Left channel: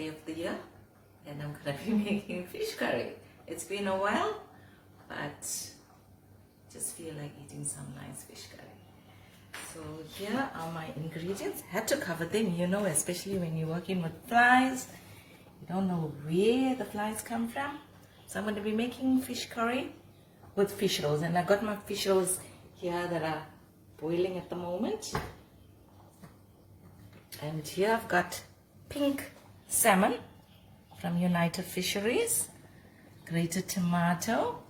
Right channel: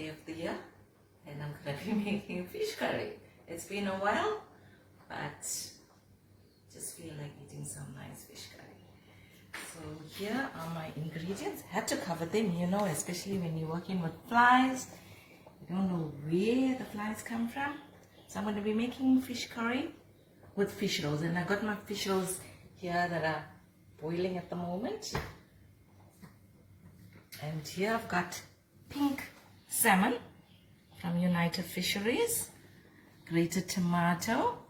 day of the year, and I'm going to be making fish curry. It's been a while, but just feel like eating some nice fish curry. So here are my ingredients. Had to cover them, you know, especially when you're working with flies. You don't know where the flies come from. So I'm going to be making fish curry with fish rolls, and I've got my fish rolls here that are boiling at the moment. And here I've got pink salmon from United Fisheries, grated tomato,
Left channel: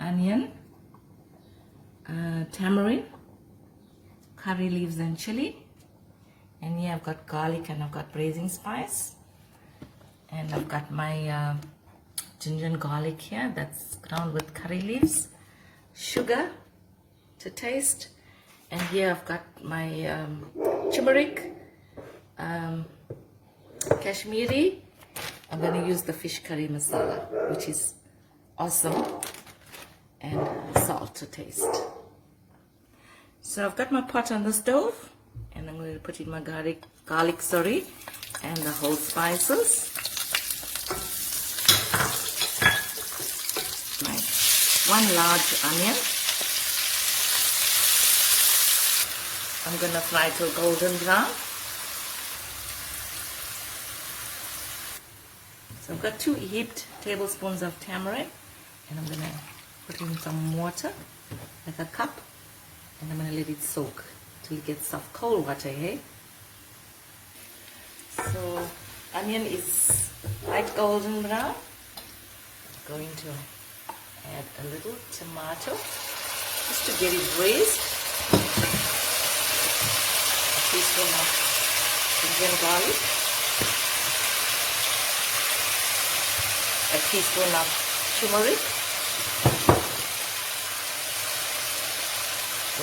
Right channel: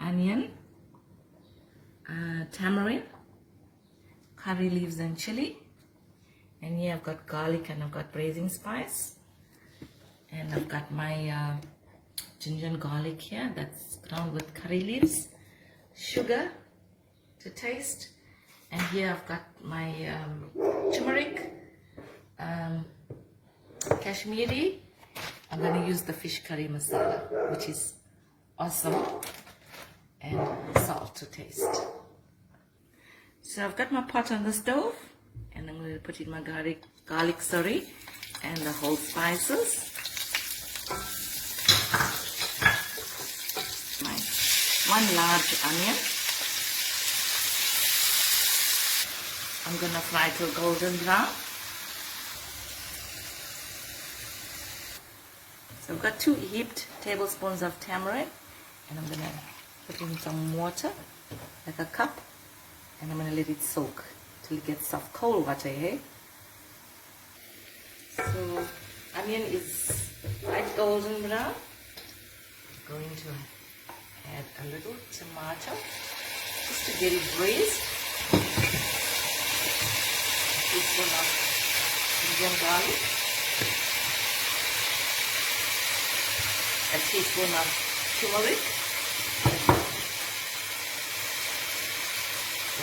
onion, tamarind, curry leaves and chili. And here I've got garlic and I've got braising spice. And I've got my ginger and garlic here, that's ground with curry leaves, sugar to taste, and here I've got my turmeric, kashmiri. I'm going to use the fish curry masala, which is awesome, and salt to taste. So I've got my pot on the stove, and I'm going to put in my garlic, and the whole spices. One large onion. I'm going to fry till golden brown. So I've got 2 heaped tablespoons of tamarind, and I'm going to put in some water, like a cup, and I'm going to let it soak till it gets soft. Cold water, hey? So onion is light golden brown. I'm going to add a little tomato just to get it braised. A teaspoon of ginger and garlic. A teaspoon of turmeric.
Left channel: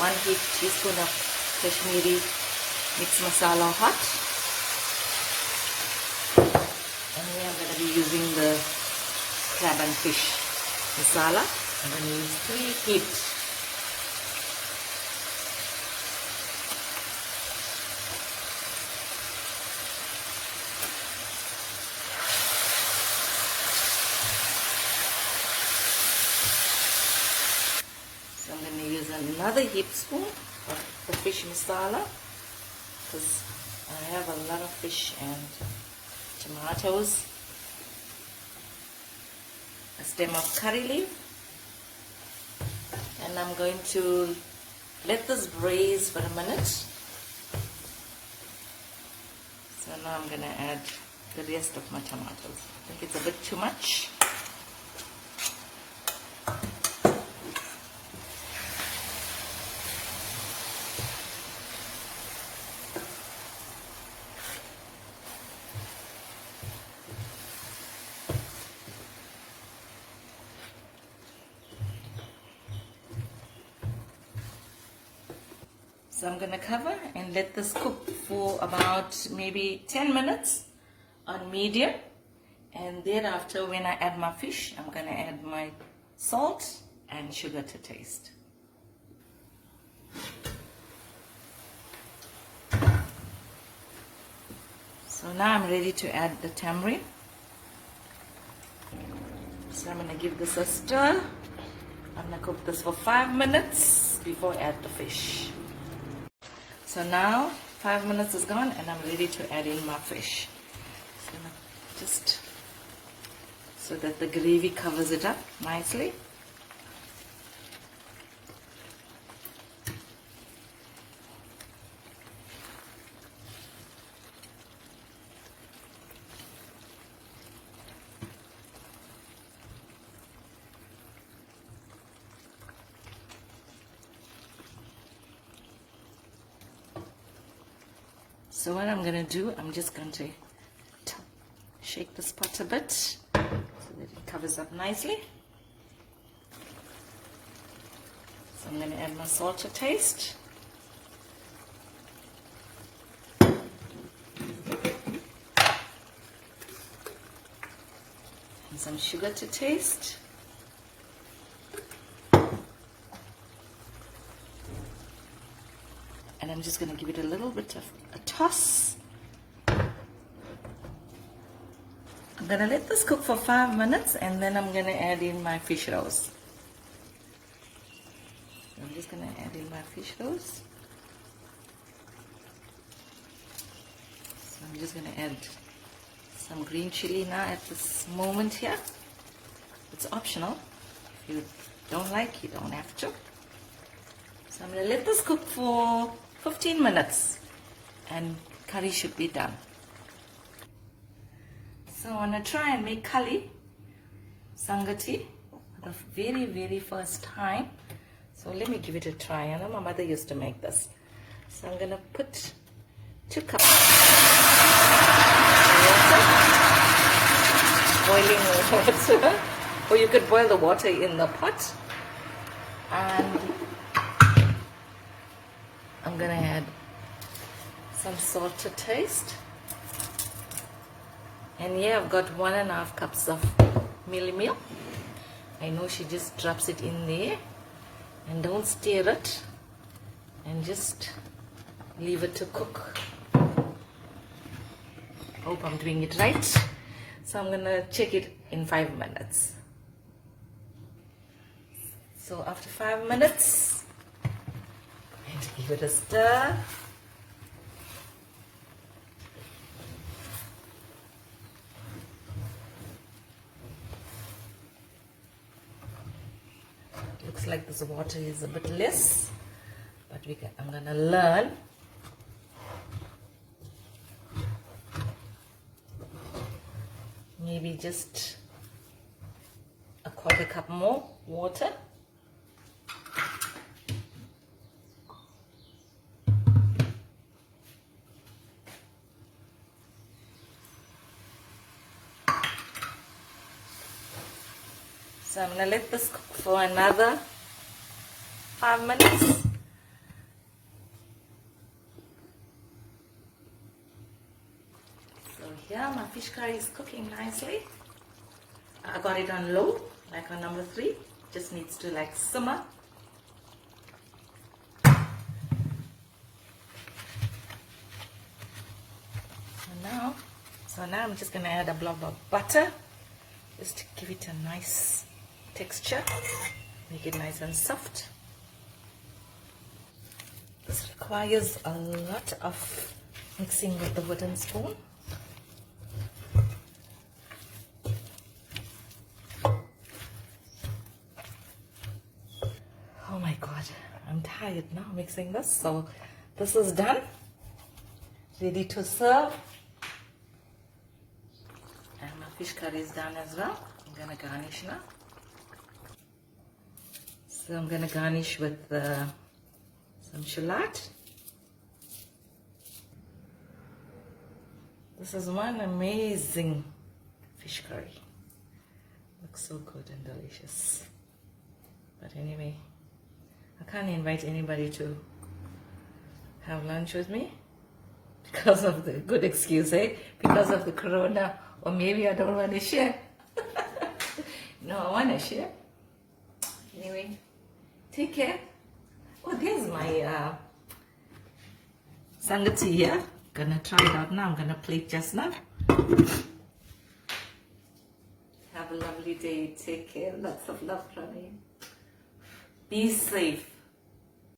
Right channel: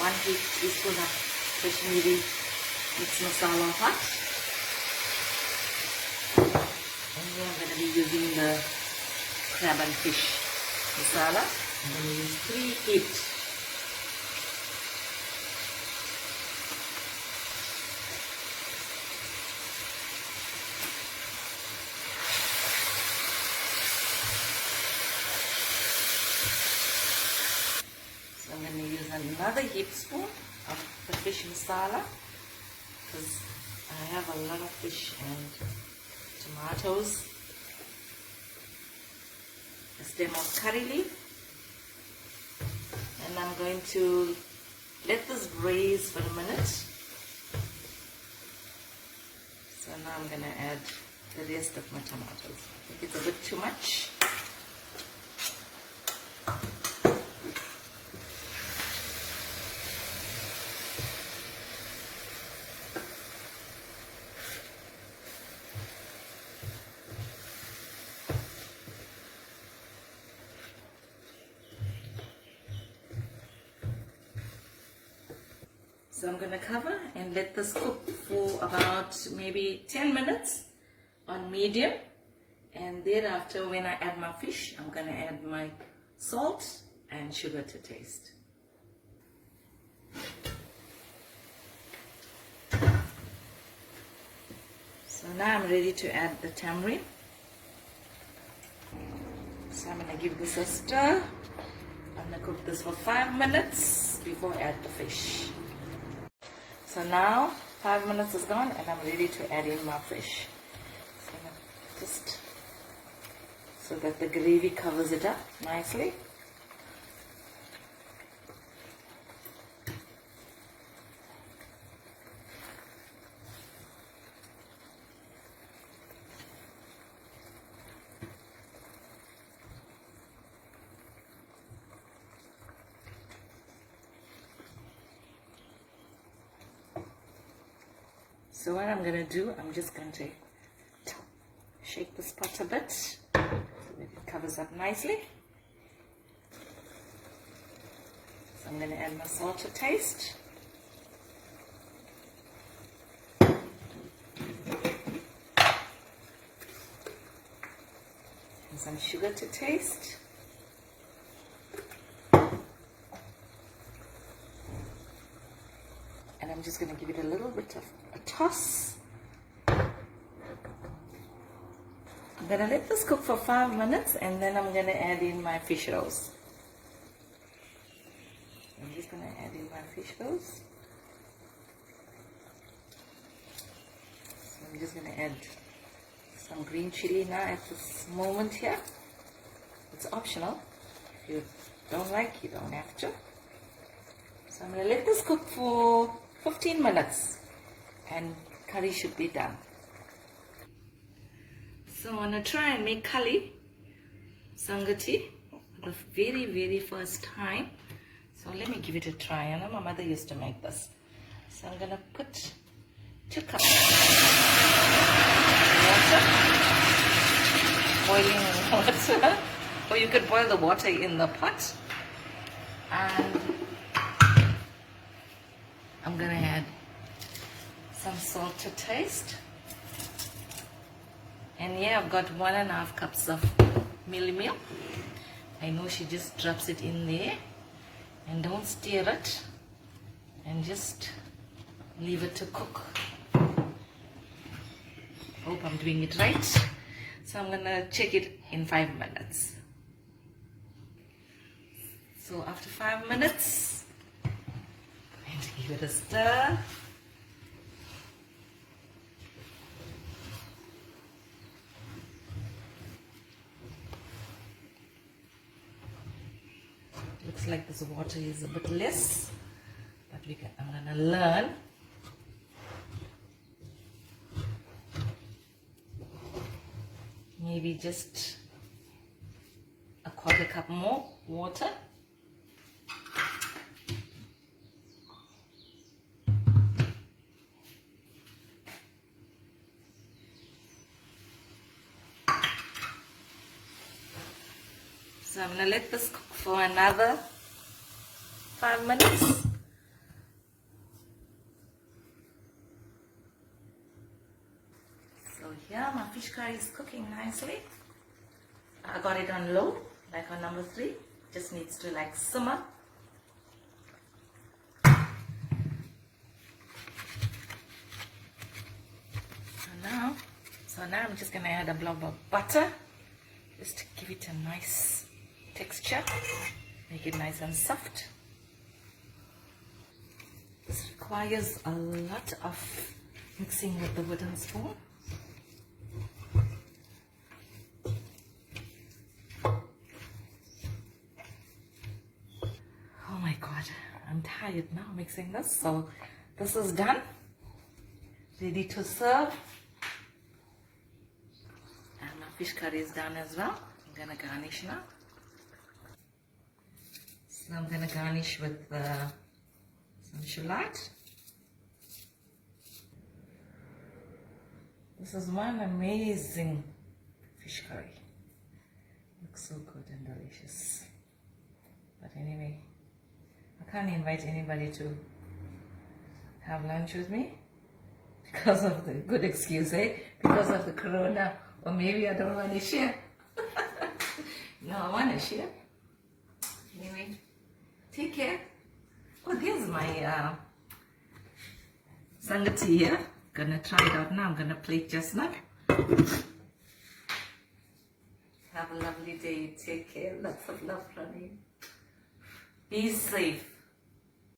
1 teaspoon of Kashmiri mixed masala hot. And here I'm going to be using the crab and fish masala. I'm going to use 3 heaped. So I'm going to use another heaped spoon of the fish masala, because I have a lot of fish and tomatoes. A stem of curry leaf, and I'm going to let this braise for a minute. So now I'm going to add the rest of my tomatoes. I think it's a bit too much. So I'm going to cover and let this cook for about maybe 10 minutes on medium, and thereafter when I add my fish, I'm going to add my salt and sugar to taste. So now I'm ready to add the tamarind. So I'm going to give this a stir. I'm going to cook this for 5 minutes before I add the fish. So now 5 minutes is gone, and I'm ready to add in my fish. So just so that the gravy covers it up nicely. So what I'm going to do, I'm just going to shake this pot a bit so that it covers up nicely. So I'm going to add my salt to taste. And some sugar to taste. And I'm just going to give it a little bit of a toss. I'm gonna let this cook for 5 minutes and then I'm gonna add in my fish rolls. I'm just gonna add in my fish rolls. So I'm just gonna add some green chili now at this moment here. It's optional. If you don't like, you don't have to. So I'm gonna let this cook for 15 minutes and curry should be done. So I'm gonna try and make curry sangati for the very first time. So let me give it a try. I know my mother used to make this. So I'm gonna put 2 cups boiling water, or you could boil the water in the pot. And I'm gonna add some salt to taste. And here I've got 1.5 cups of meal. I know she just drops it in there and don't stir it and just leave it to cook. Hope I'm doing it right. So I'm gonna check it in 5 minutes. So after 5 minutes, I'm going to give it a stir. Looks like this water is a bit less, but I'm going to learn. Maybe just a 1/4 cup more water. So I'm going to let this cook for another 5 minutes. So here my fish curry is cooking nicely. I got it on low, like on number 3. Just needs to like simmer. So now I'm just going to add a blob of butter, just to give it a nice texture, make it nice and soft. This requires a lot of mixing with the wooden spoon. Oh my god, I'm tired now mixing this. So this is done, ready to serve. And my fish curry is done as well. I'm gonna garnish now. So I'm gonna garnish with some shallot. This is one amazing fish curry. Looks so good and delicious. But anyway, I can't invite anybody to have lunch with me because of the good excuse, eh? Because of the corona, or maybe I don't want to share. No, I want to share. Anyway, take care. Oh, there's my sangati here. Gonna try it out now. I'm gonna plate just now. Have a lovely day. Take care. Lots of love from me. Be safe.